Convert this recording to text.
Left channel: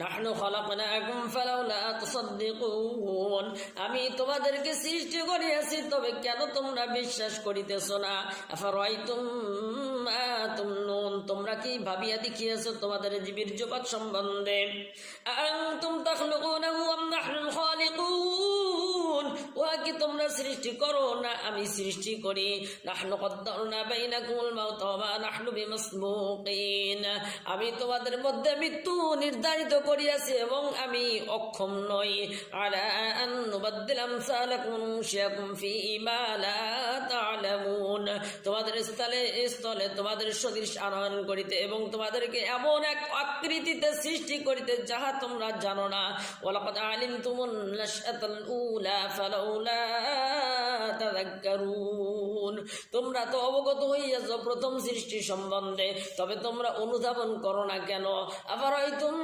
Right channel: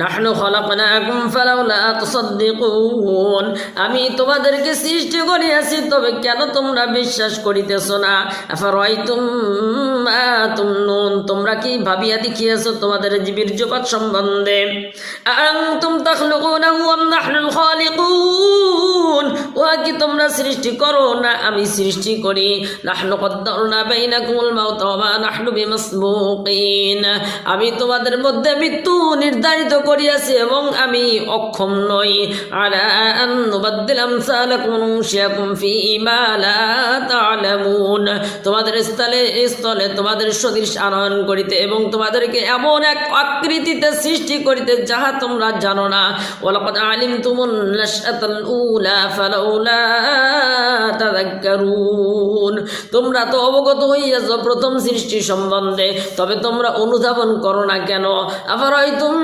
নাহনু খলাকনাকুম ফালাউলা তুসাদ্দিকুন, আমি তোমাদেরকে সৃষ্টি করিয়াছি, তবে কেন তোমরা বিশ্বাস করিতেছো না? আফারাইতুম মা তুমনুন, তোমরা কি ভাবিয়া দেখিয়াছো তোমাদের বীর্যপাত সম্বন্ধে? আনতুম তাখলুকুনাহু আম নাহনুল খালিকুন, উহা কি তোমরা সৃষ্টি করো না আমি সৃষ্টি করি? নাহনু কদ্দারনা বাইনাকুমুল মাউত ওয়া মা নাহনু বিমাসবুকিন, আমি তোমাদের মধ্যে মৃত্যু নির্ধারিত করিয়াছি এবং আমি অক্ষম নই। আলা আন নুবাদদিল আমসালাকুম ওয়া নুনশিয়াকুম ফি মা লা তা'লামুন, তোমাদের স্থলে তোমাদের সদৃশ আনয়ন করিতে এবং তোমাদেরকে এমন এক আকৃতিতে সৃষ্টি করিতে যাহা তোমরা জানো না। ওয়ালাকাদ আলিমতুমুন নাশআতাল উলা ফালাউলা তাযাক্কারুন, তোমরা তো অবগত হইয়াছ প্রথম সৃষ্টি সম্বন্ধে, তবে তোমরা অনুধাবন করো না কেন? আফারাইতুম